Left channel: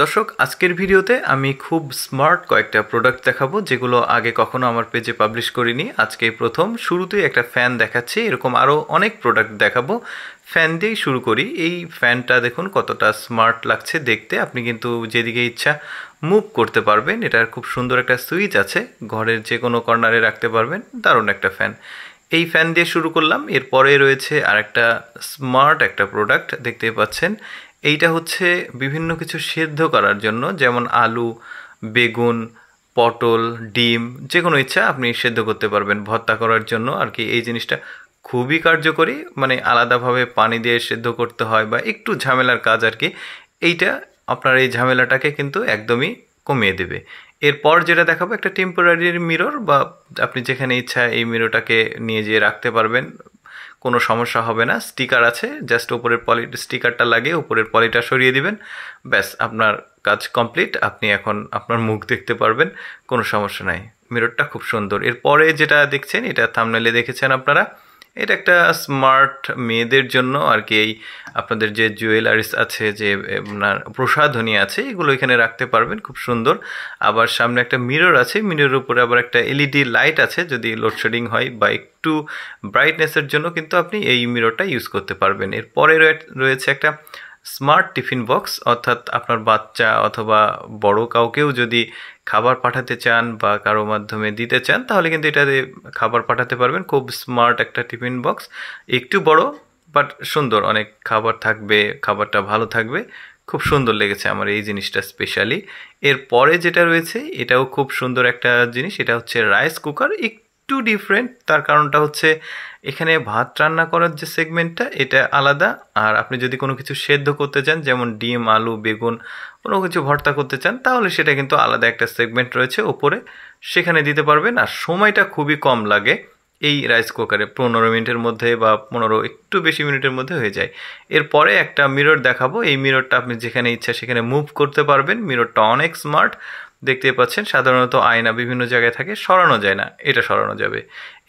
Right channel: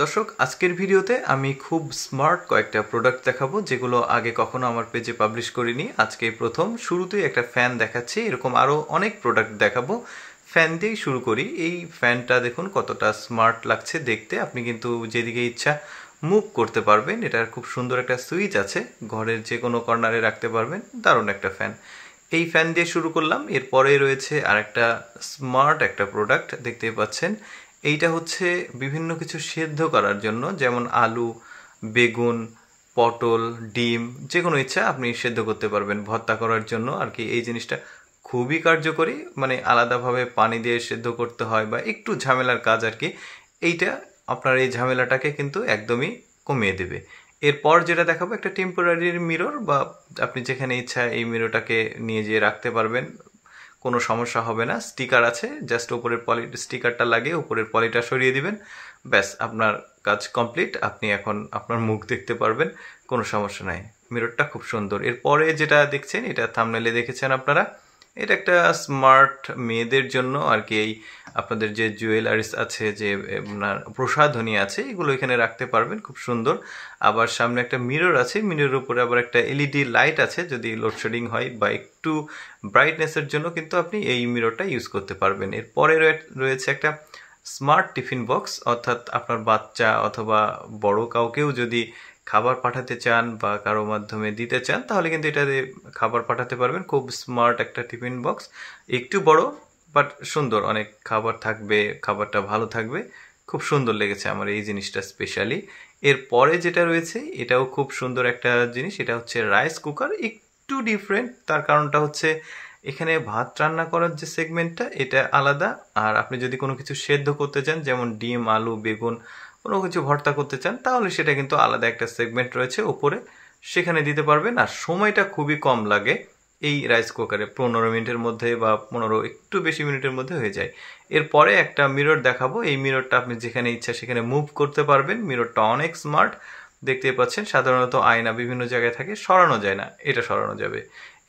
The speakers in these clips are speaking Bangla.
দর্শক, আজকের ভিডিওতে আমি খুব স্মার্ট কয়েকটা প্রোডাক্ট দেখাবো যেগুলো আগে কখনো আমার পেজে পাবলিশ করিনি। আজকে প্রথম শুরুতেই একটা ফ্যান দেখাচ্ছি, এরকম আরও অনেক প্রোডাক্ট দেখাবো। ফ্যান দিয়েই শুরু করি। এই ফ্যানটা দেখুন কতটা স্মার্ট লাগছে দেখতে। আপনি কিন্তু যেদিকে ইচ্ছা মুভ করতে পারবেন। এটার খুব সুন্দর একটা সুইচ আছে, ঘরের যে কোনো কর্নারে রাখতে পারবেন। দারুণ একটা ফ্যান। এই ফ্যান দিয়ে শুরু করলাম। এরপরে রয়েছে আরেকটা স্মার্ট একটা প্রোডাক্ট দেখতে পাচ্ছেন। এইটা হচ্ছে বিভিন্ন কিছু সেদ্ধ করার জন্য, যেমন আলু, বেগুন, পটল, ডিম, যে কোনো ইচ্ছা আপনি সেদ্ধ করতে পারবেন ভর্তা করার জন্য আর কি। এই জিনিসটা খুবই কার্যকরী, মানে আলাদাভাবে পানি দিয়ে সেদ্ধ করতে হয় বা একটু ঝামেলার কাজ আর কি। এইটা আপনার এই ঝামেলাটাকে কিন্তু একদমই কমিয়ে দেবে। এরপর যেটা দেখাবো একটা টেম্পোরারি মিরর, বা আপনি যেখানে ইচ্ছা এই মিররটাকে নিয়ে যেয়ে রাখতে পারবেন, কোনো সমস্যা হবে না। স্টিকার আছে, জাস্ট উপরের স্টিকারটা লাগিয়ে উপরের পলিটা সরিয়ে দিবেন, ব্যাস আপনার কাজ কমপ্লিট। আপনি এখন আপনার মুখ দেখতে পারবেন, কোনো সমস্যা নাই। মিররটা খুব সুন্দর। এরপরে যেটা দেখছেন, এটা থাম্বনেলে দেখেছেন আপনারা, এটা একটা স্মার্ট মেয়েদের জন্য আর কি। এই আপনাদের যে জুয়েলারিস আছে, যে আপনার প্রসাধনী আছে, এগুলো এখানে রাখতে পারবেন, খুব সুন্দর। আবার সামনে একটা মিরর আছে, মিররের উপরে আবার একটা এলইডি লাইট আছে, যদি লোডশেডিং হয় বা একটু ব্রাইটনেসের জন্য কিন্তু আপনি এই মিররটা ইউজ করতে পারবেন। এরপরে রয়েছে একটা স্মার্ট টিফিন বক্স, অর্থাৎ আপনার বাচ্চা অথবা বড় কাউকেও যদি খাবার পাঠাতে চান বা কারো মাধ্যমে দিতে চান, তাহলে কিন্তু এটা দিয়ে খাবার পাঠাতে পারবেন। খুব স্মার্ট একটা টিফিন বক্স, একটু বড় বাট সুন্দর, অনেক খাবার থাকবে, খাবারটা ভালো থাকবে। খুব সুন্দর লেগেছে আমার এই জিনিসটা স্পেশালি। এরপরে যেটা রয়েছে এটাও খুব সুন্দর একটা জিনিস, এটা হচ্ছে রাইস কুকার। একটু ডিফারেন্ট, তার কারণটা হচ্ছে এখানে ভাত রান্না করার যে সেগমেন্টটা এটা আলাদা, আর আপনি যদি কোনো কিছু সেদ্ধ করতে চান, যেমন ডিম, আলু, বেগুন, কোনো কিছু ভর্তা করতে চান, তাহলে সেটা কিন্তু আলাদা একটা সেগমেন্ট রয়েছে ওপরে, সেখানে দিতে পারবেন। আর সময়টা খুবই কম লাগে এই রাইস কুকারে, 15 মিনিটের মধ্যে বা 15 একটু বেশি মিনিটের মধ্যে হয়ে যায়। এরপরে একটা মিরর দেখাবো। এই মিররটা আপনি যেখানে ইচ্ছা সেখানে মুভ করতে পারবেন। মিররটা অনেক স্মার্ট, দেখতে পাচ্ছেন। সাধারণত আয়না বিভিন্ন জায়গায় থাকে, সরানো যায় না, এটা সরানো যাবে।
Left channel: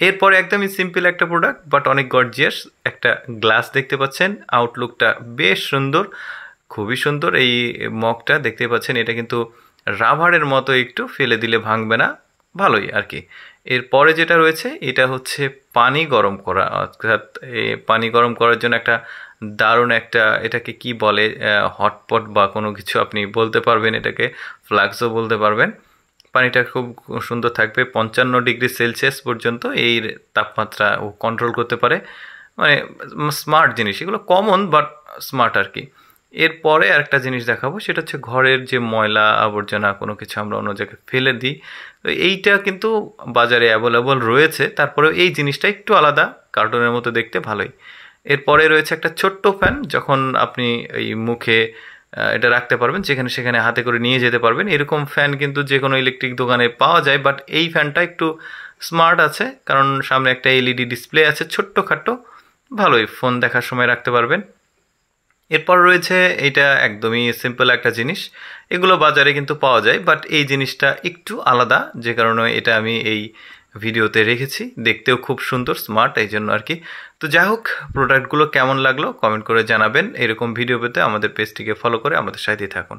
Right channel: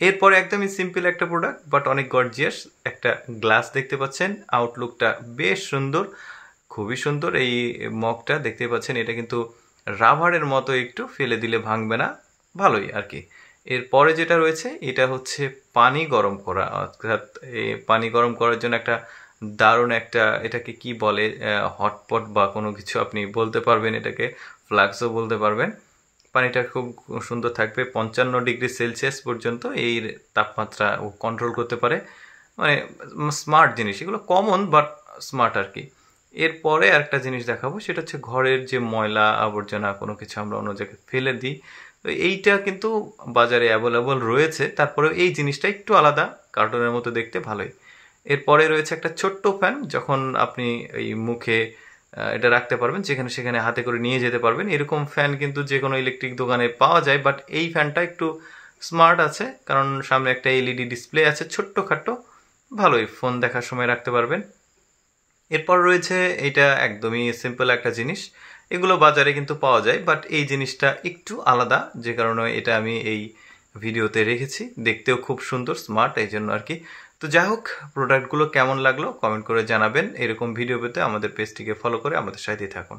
এরপরে একদমই সিম্পল একটা প্রোডাক্ট বাট অনেক গর্জিয়াস, একটা গ্লাস দেখতে পাচ্ছেন। আউটলুকটা বেশ সুন্দর, খুবই সুন্দর। এই মগটা দেখতে পাচ্ছেন, এটা কিন্তু রাবারের মতো, একটু ফেলে দিলে ভাঙবে না, ভালোই আর কি। এরপরে যেটা রয়েছে এটা হচ্ছে পানি গরম করা, অর্থাৎ পানি গরম করার জন্য একটা দারুণ একটা, এটাকে কি বলে, হটপট বা কোনো কিছু আপনি বলতে পারবেন, এটাকে ফ্লাক্সও বলতে পারবেন। পানিটা খুব সুন্দর থাকবে, 55 ডিগ্রি সেলসিয়াস পর্যন্ত এই তাপমাত্রা ও কন্ট্রোল করতে পারে। মানে স্মার্ট জিনিস, এগুলো কমন বাট স্মার্ট আর কি। এরপরে আরেকটা জিনিস দেখাবো, সেটা হচ্ছে ঘরের যে ময়লা আবর্জনা কোনো কিছু আমরা অন্য জায়গায় ফেলে দিই, তো এইটা কিন্তু বাজারে অ্যাভেলেবল রয়েছে। তারপরেও এই জিনিসটা একটু আলাদা, কার্টুনের মতো দেখতে, ভালোই। এরপরে রয়েছে একটা ছোট্ট ফ্যান, যখন আপনি এই মুখে এটা রাখতে পারবেন, যেখানে সেখানে হাতে করে নিয়ে যেতে পারবেন। এরকম ফ্যান কিন্তু যে কোনো ইলেকট্রিক দোকানে পাওয়া যায়, বাট এই ফ্যানটা একটু স্মার্ট আছে, কারণ সামনে একটা এলইডি ডিসপ্লে আছে, ছোট্টখাট্টো, ভালোই, ফোন দেখার সময় রাখতে পারবেন। এরপর রয়েছে এটা একদমই সিম্পল একটা জিনিস, এগুলো বাজারে কিন্তু পাওয়া যায়, বাট এই জিনিসটা একটু আলাদা, যে কারণে এটা আমি এই ভিডিওতে রেখেছি। দেখতেও খুব সুন্দর, স্মার্ট, এই জন্য আর কি। তো যাই হোক, প্রোডাক্টগুলো কেমন লাগলো কমেন্ট করে জানাবেন। এরকম ভিডিও পেতে আমাদের পেজটিকে ফলো করে আমাদের সাথেই থাকুন।